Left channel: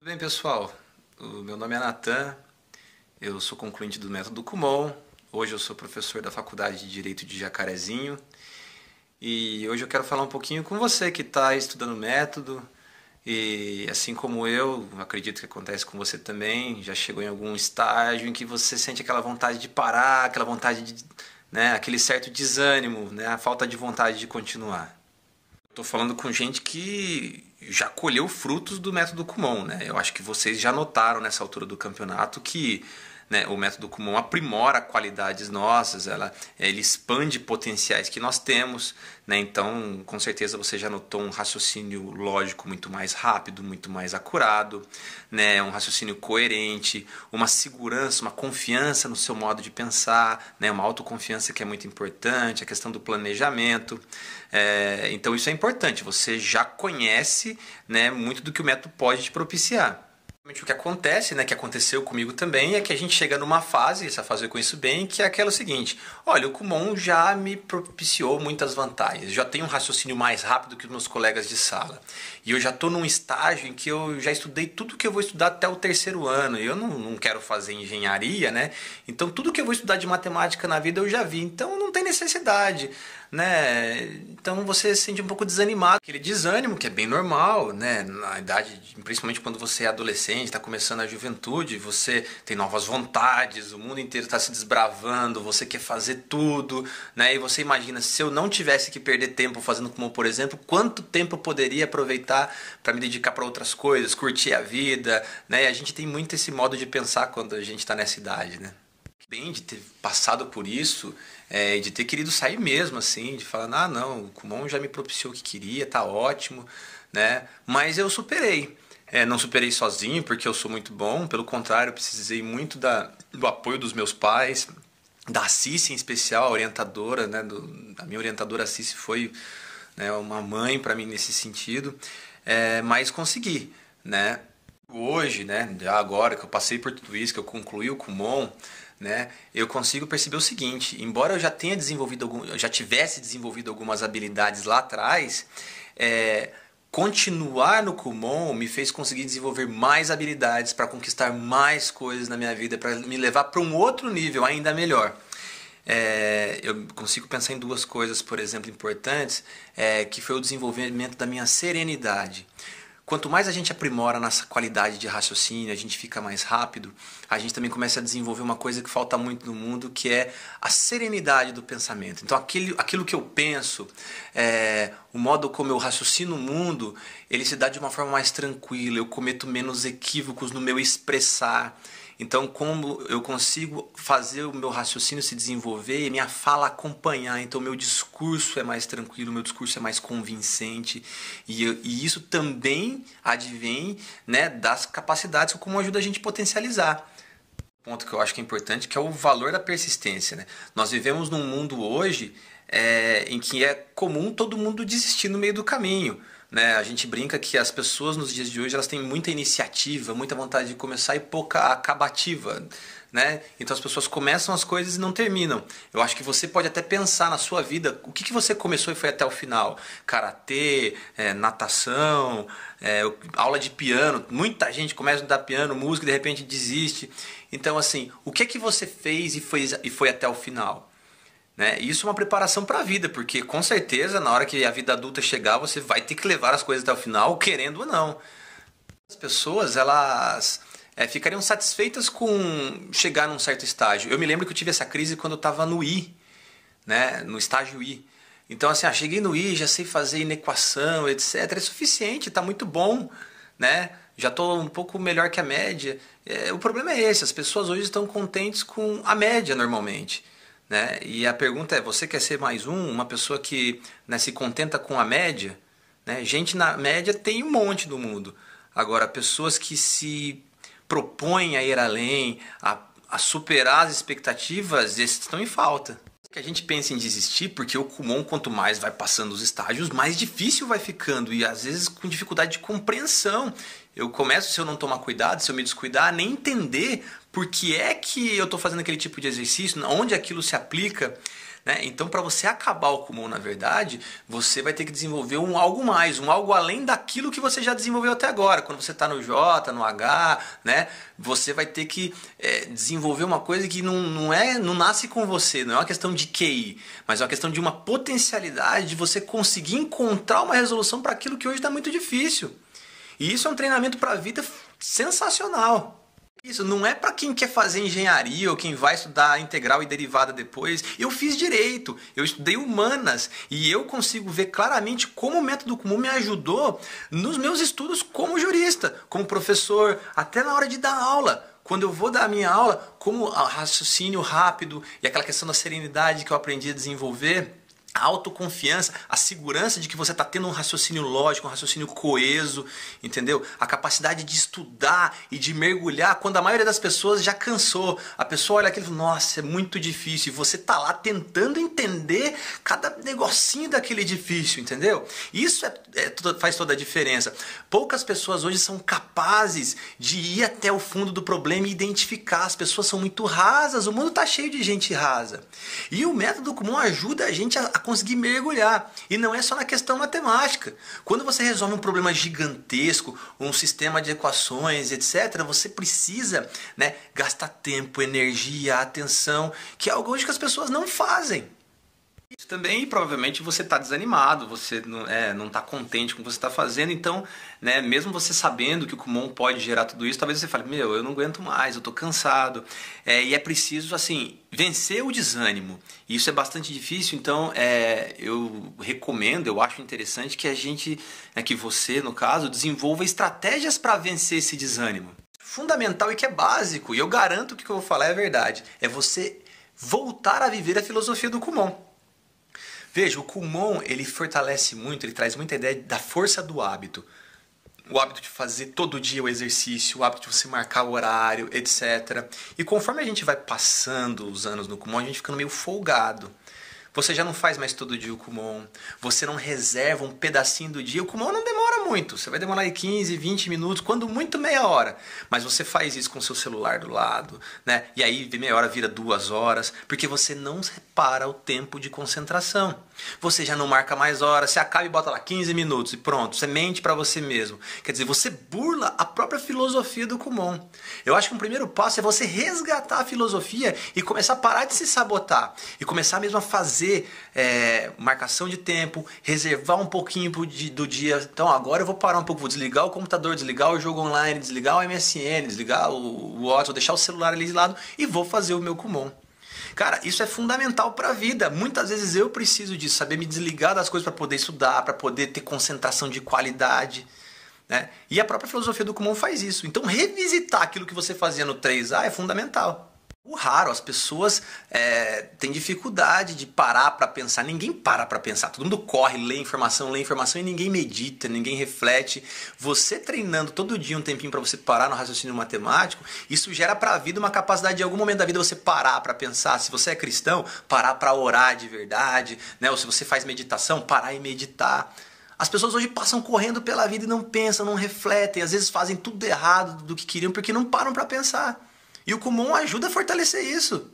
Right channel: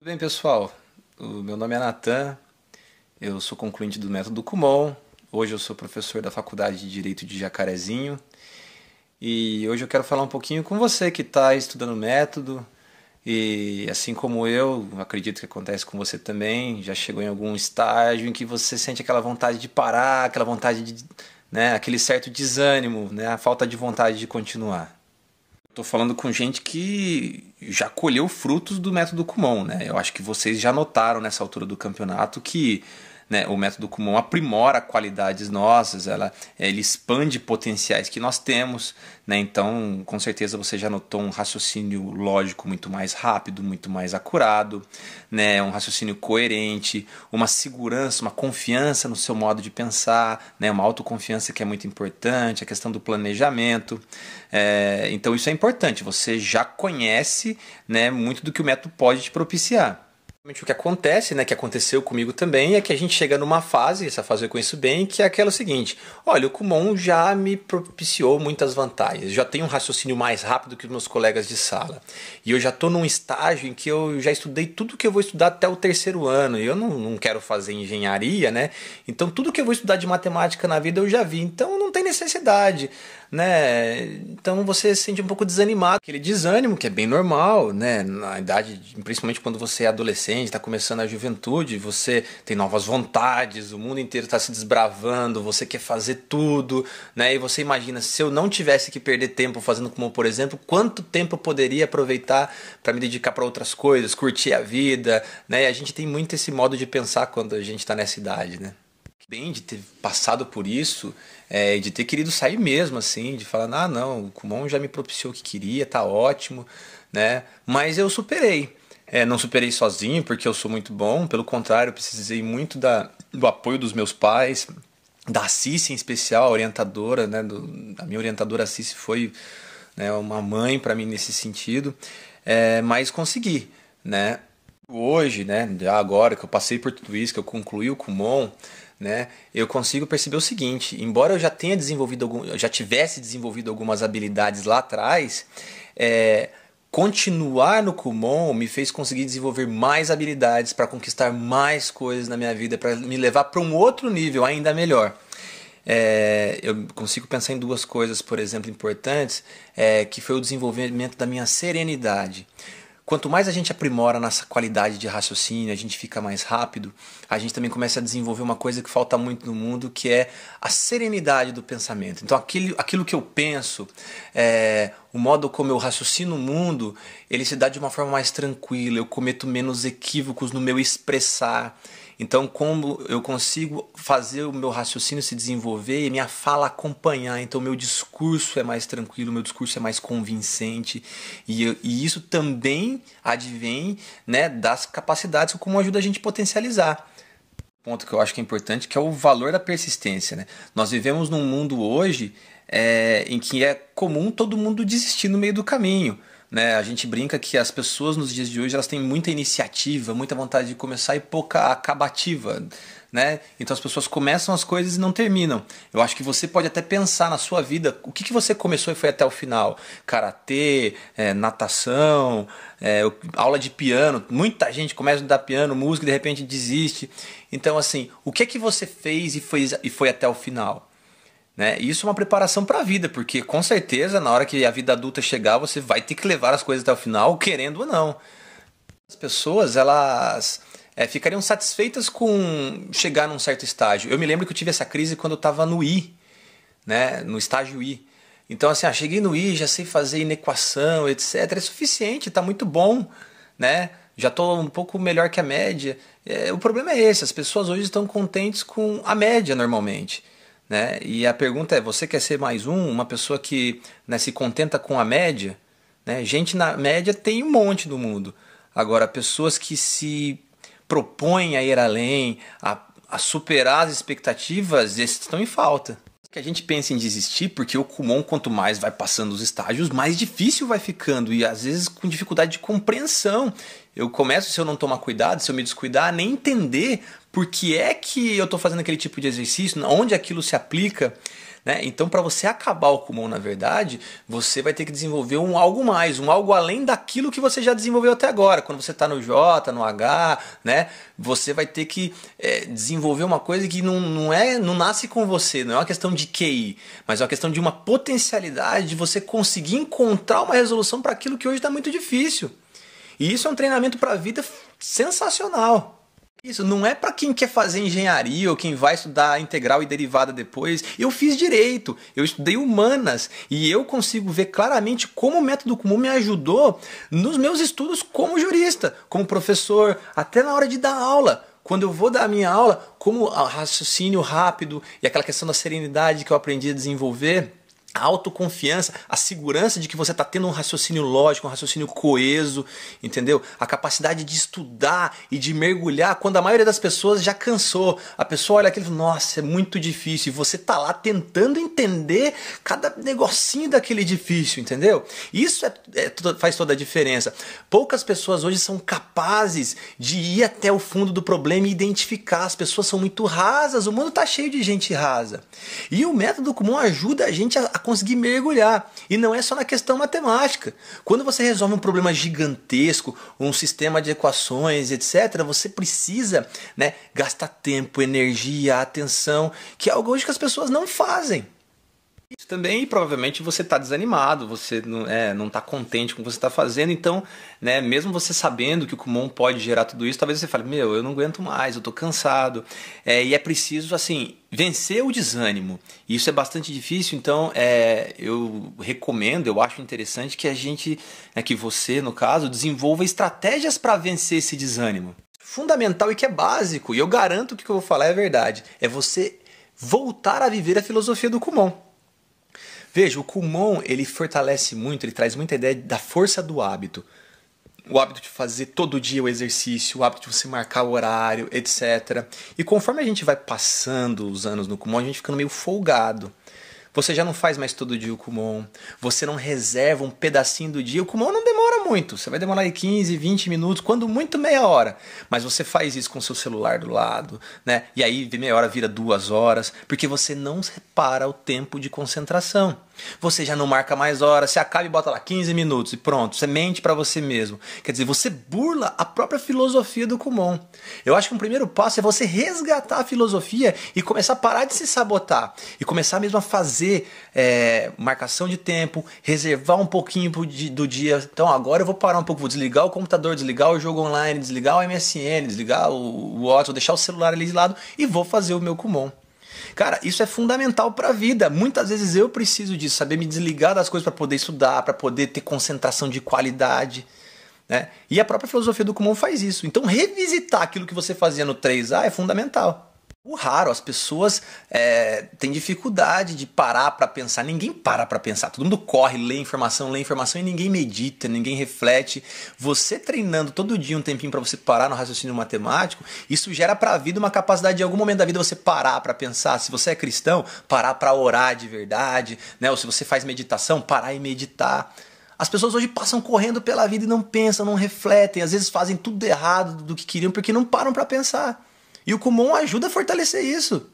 Tudo bem, pessoal? O meu nome é Natan, eu sou concluinte do método Kumon. Hoje eu sou professor da Faculdade de Direito de Jacarezinho e hoje eu quero falar um pouquinho com você que está estudando o método e, assim como eu, acredito que acontece com você também, já chegou em algum estágio em que você sente aquela vontade de parar, aquela vontade de, aquele certo desânimo, a falta de vontade de continuar. Estou falando com gente que já colheu frutos do método Kumon, né? Eu acho que vocês já notaram nessa altura do campeonato que, o método Kumon aprimora qualidades nossas, ele expande potenciais que nós temos, né? Então, com certeza você já notou um raciocínio lógico muito mais rápido, muito mais acurado, né? Um raciocínio coerente, uma segurança, uma confiança no seu modo de pensar, né? Uma autoconfiança que é muito importante, a questão do planejamento. Então isso é importante, você já conhece, muito do que o método pode te propiciar. O que acontece, que aconteceu comigo também, é que a gente chega numa fase, essa fase eu conheço bem, que é aquela seguinte: olha, o Kumon já me propiciou muitas vantagens, já tenho um raciocínio mais rápido que os meus colegas de sala, e eu já estou num estágio em que eu já estudei tudo que eu vou estudar até o terceiro ano, e eu não quero fazer engenharia, então tudo que eu vou estudar de matemática na vida eu já vi, então não tem necessidade. Então você se sente um pouco desanimado, aquele desânimo que é bem normal, na idade, principalmente quando você é adolescente, está começando a juventude, você tem novas vontades, o mundo inteiro está se desbravando, você quer fazer tudo, e você imagina, se eu não tivesse que perder tempo fazendo como, por exemplo, quanto tempo eu poderia aproveitar para me dedicar para outras coisas, curtir a vida, E a gente tem muito esse modo de pensar quando a gente está nessa idade, Bem de ter passado por isso, de ter querido sair mesmo, assim, de falar, não, o Kumon já me propiciou o que queria, tá ótimo, Mas eu superei. Não superei sozinho, porque eu sou muito bom, pelo contrário, eu precisei muito do apoio dos meus pais, da Cici em especial, a orientadora, a minha orientadora Cici foi, uma mãe para mim nesse sentido, mas consegui, Hoje, já agora que eu passei por tudo isso, que eu concluí o Kumon, eu consigo perceber o seguinte: embora eu já tivesse desenvolvido algumas habilidades lá atrás, continuar no Kumon me fez conseguir desenvolver mais habilidades para conquistar mais coisas na minha vida, para me levar para um outro nível ainda melhor. Eu consigo pensar em duas coisas, por exemplo, importantes, que foi o desenvolvimento da minha serenidade. Quanto mais a gente aprimora a nossa qualidade de raciocínio, a gente fica mais rápido, a gente também começa a desenvolver uma coisa que falta muito no mundo, que é a serenidade do pensamento. Então aquilo que eu penso, o modo como eu raciocino o mundo, ele se dá de uma forma mais tranquila, eu cometo menos equívocos no meu expressar. Então, como eu consigo fazer o meu raciocínio se desenvolver e minha fala acompanhar, então meu discurso é mais tranquilo, meu discurso é mais convincente, e isso também advém, das capacidades como ajuda a gente a potencializar. Ponto que eu acho que é importante, que é o valor da persistência. Nós vivemos num mundo hoje em que é comum todo mundo desistir no meio do caminho. A gente brinca que as pessoas nos dias de hoje elas têm muita iniciativa, muita vontade de começar e pouca acabativa. Então as pessoas começam as coisas e não terminam. Eu acho que você pode até pensar na sua vida o que você começou e foi até o final. Karatê, natação, aula de piano. Muita gente começa a estudar piano, música e de repente desiste. Então assim, o que você fez e foi até o final? Isso é uma preparação para a vida, porque com certeza na hora que a vida adulta chegar você vai ter que levar as coisas até o final, querendo ou não. As pessoas elas ficariam satisfeitas com chegar num certo estágio. Eu me lembro que eu tive essa crise quando eu estava no I, no estágio I. Então assim, cheguei no I, já sei fazer inequação, etc. É suficiente, está muito bom, já estou um pouco melhor que a média. O problema é esse, as pessoas hoje estão contentes com a média normalmente. E a pergunta é, você quer ser mais uma pessoa que se contenta com a média? Gente na média tem um monte no mundo. Agora, pessoas que se propõem a ir além, a superar as expectativas, esses estão em falta. Que a gente pensa em desistir, porque o Kumon, quanto mais vai passando os estágios, mais difícil vai ficando, e às vezes com dificuldade de compreensão. Eu começo, se eu não tomar cuidado, se eu me descuidar, a nem entender por que é que eu estou fazendo aquele tipo de exercício, onde aquilo se aplica, né? Então, para você acabar o Kumon, na verdade, você vai ter que desenvolver um algo mais, um algo além daquilo que você já desenvolveu até agora. Quando você está no J, no H, né? Você vai ter que desenvolver uma coisa que não nasce com você, não é uma questão de QI, mas é uma questão de uma potencialidade de você conseguir encontrar uma resolução para aquilo que hoje está muito difícil. E isso é um treinamento para a vida sensacional. Isso não é para quem quer fazer engenharia ou quem vai estudar integral e derivada depois. Eu fiz direito, eu estudei humanas e eu consigo ver claramente como o método Kumon me ajudou nos meus estudos como jurista, como professor, até na hora de dar aula. Quando eu vou dar a minha aula, como raciocínio rápido e aquela questão da serenidade que eu aprendi a desenvolver, a autoconfiança, a segurança de que você está tendo um raciocínio lógico, um raciocínio coeso, entendeu? A capacidade de estudar e de mergulhar quando a maioria das pessoas já cansou. A pessoa olha aquilo e fala, nossa, é muito difícil. E você está lá tentando entender cada negocinho daquele difícil, entendeu? Isso faz toda a diferença. Poucas pessoas hoje são capazes de ir até o fundo do problema e identificar. As pessoas são muito rasas, o mundo está cheio de gente rasa. E o método Kumon ajuda a gente a conseguir mergulhar. E não é só na questão matemática. Quando você resolve um problema gigantesco, um sistema de equações, etc., você precisa, né, gastar tempo, energia, atenção, que é algo hoje que as pessoas não fazem. Isso também, provavelmente, você está desanimado, você não está contente com o que você está fazendo, então, né, mesmo você sabendo que o Kumon pode gerar tudo isso, talvez você fale, eu não aguento mais, eu estou cansado, e é preciso, assim, vencer o desânimo. Isso é bastante difícil, então, eu recomendo, eu acho interessante que a gente, que você, no caso, desenvolva estratégias para vencer esse desânimo. Fundamental e que é básico, e eu garanto que o que eu vou falar é verdade, é você voltar a viver a filosofia do Kumon. Veja, o Kumon, ele fortalece muito, ele traz muita ideia da força do hábito. O hábito de fazer todo dia o exercício, o hábito de você marcar o horário, etc. E conforme a gente vai passando os anos no Kumon, a gente fica meio folgado. Você já não faz mais todo dia o Kumon, você não reserva um pedacinho do dia. O Kumon não demora muito, você vai demorar aí 15, 20 minutos, quando muito meia hora. Mas você faz isso com o seu celular do lado, né? E aí meia hora vira 2 horas, porque você não repara o tempo de concentração. Você já não marca mais horas, você acaba e bota lá 15 minutos e pronto, você mente para você mesmo. Quer dizer, você burla a própria filosofia do Kumon. Eu acho que um primeiro passo é você resgatar a filosofia e começar a parar de se sabotar. E começar mesmo a fazer marcação de tempo, reservar um pouquinho do dia. Então agora eu vou parar um pouco, vou desligar o computador, desligar o jogo online, desligar o MSN, desligar o WhatsApp, vou deixar o celular ali de lado e vou fazer o meu Kumon. Cara, isso é fundamental para a vida. Muitas vezes eu preciso disso, saber me desligar das coisas para poder estudar, para poder ter concentração de qualidade, né? E a própria filosofia do Kumon faz isso. Então revisitar aquilo que você fazia no 3A é fundamental. O raro, as pessoas têm dificuldade de parar para pensar. Ninguém para pensar. Todo mundo corre, lê informação e ninguém medita, ninguém reflete. Você treinando todo dia um tempinho para você parar no raciocínio matemático, isso gera para a vida uma capacidade de, em algum momento da vida, você parar para pensar. Se você é cristão, parar para orar de verdade, né? Ou se você faz meditação, parar e meditar. As pessoas hoje passam correndo pela vida e não pensam, não refletem. Às vezes fazem tudo errado do que queriam porque não param para pensar. E o Kumon ajuda a fortalecer isso.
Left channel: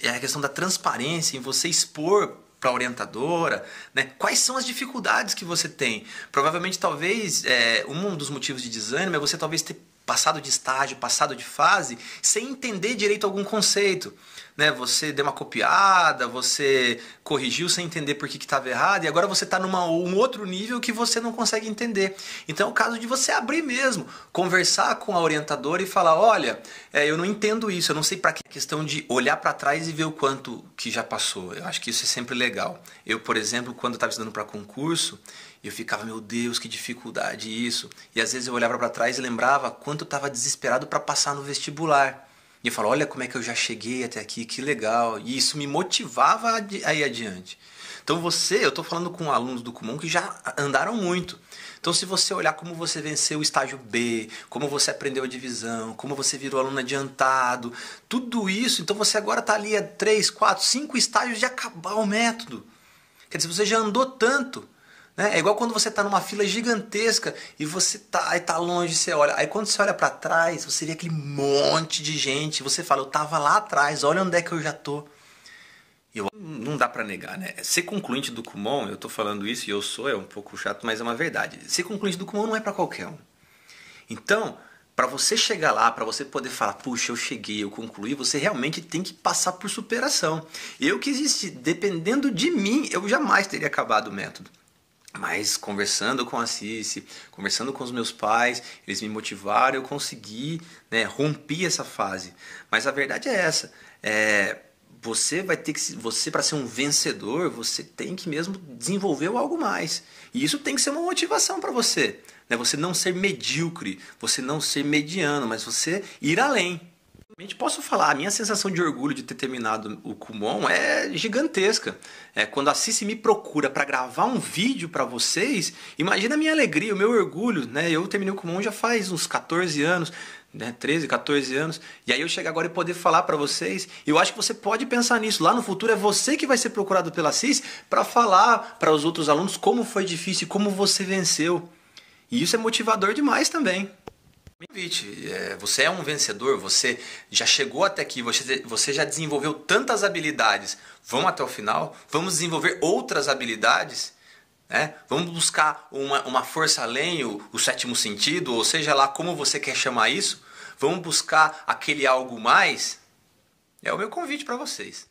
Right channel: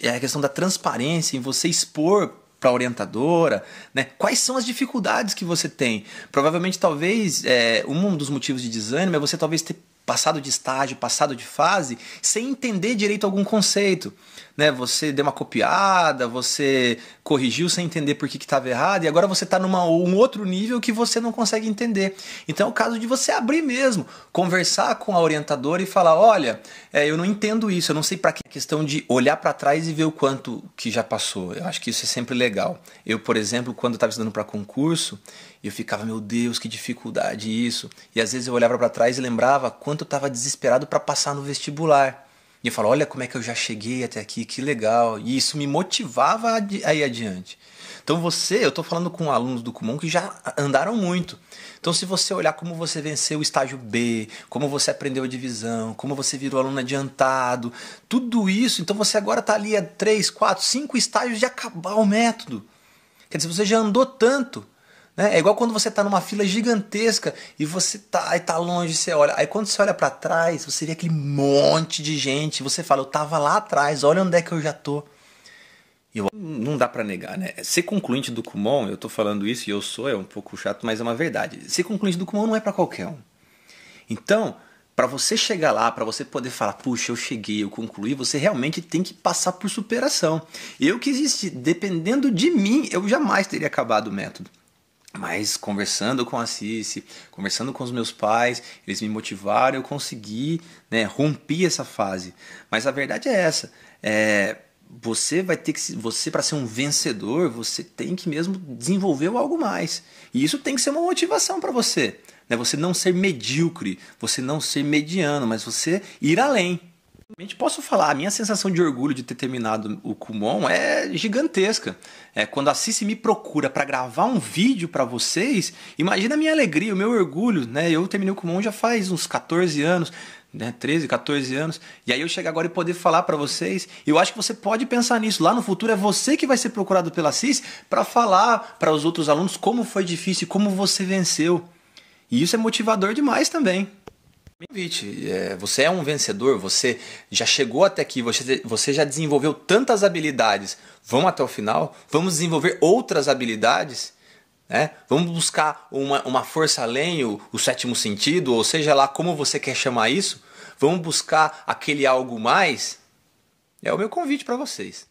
É a questão da transparência, em você expor para a orientadora, né, quais são as dificuldades que você tem. Provavelmente, talvez, um dos motivos de desânimo é você talvez ter passado de estágio, passado de fase, sem entender direito algum conceito. Né? Você deu uma copiada, você corrigiu sem entender por que estava errado, e agora você está um outro nível que você não consegue entender. Então é o caso de você abrir mesmo, conversar com a orientadora e falar, olha, eu não entendo isso, eu não sei para que questão de olhar para trás e ver o quanto que já passou. Eu acho que isso é sempre legal. Eu, por exemplo, quando estava estudando para concurso, eu ficava, meu Deus, que dificuldade isso. E às vezes eu olhava para trás e lembrava quanto eu estava desesperado para passar no vestibular. E eu falo, olha como é que eu já cheguei até aqui, que legal. E isso me motivava a ir adiante. Então eu estou falando com alunos do Kumon que já andaram muito. Então se você olhar como você venceu o estágio B, como você aprendeu a divisão, como você virou aluno adiantado, tudo isso, então você agora está ali a 3, 4, 5 estágios de acabar o método. Quer dizer, você já andou tanto. É igual quando você está numa fila gigantesca e você tá longe, você olha. Aí quando você olha para trás, você vê aquele monte de gente. Você fala, eu estava lá atrás, olha onde é que eu já tô. Não dá pra negar, né? Ser concluinte do Kumon, eu tô falando isso e eu sou, é um pouco chato, mas é uma verdade. Ser concluinte do Kumon não é pra qualquer um. Então, para você chegar lá, para você poder falar, puxa, eu cheguei, eu concluí, você realmente tem que passar por superação. Eu que existe, dependendo de mim, eu jamais teria acabado o método. Mas conversando com a Cici, conversando com os meus pais, eles me motivaram, eu consegui, né, rompi essa fase. Mas a verdade é essa, você vai ter que, você para ser um vencedor, você tem que mesmo desenvolver algo mais. E isso tem que ser uma motivação para você. Né? Você não ser medíocre, você não ser mediano, mas você ir além. Posso falar, a minha sensação de orgulho de ter terminado o Kumon é gigantesca. Quando a Cici me procura para gravar um vídeo para vocês, imagina a minha alegria, o meu orgulho. Né? Eu terminei o Kumon já faz uns 14 anos, né? 13, 14 anos. E aí eu chego agora e poder falar para vocês. Eu acho que você pode pensar nisso. Lá no futuro é você que vai ser procurado pela Cici para falar para os outros alunos como foi difícil, como você venceu. E isso é motivador demais também. Você é um vencedor, você já chegou até aqui, você já desenvolveu tantas habilidades. Vamos até o final? Vamos desenvolver outras habilidades? Né? Vamos buscar uma força além, o sétimo sentido, ou seja lá como você quer chamar isso? Vamos buscar aquele algo mais? É o meu convite para vocês.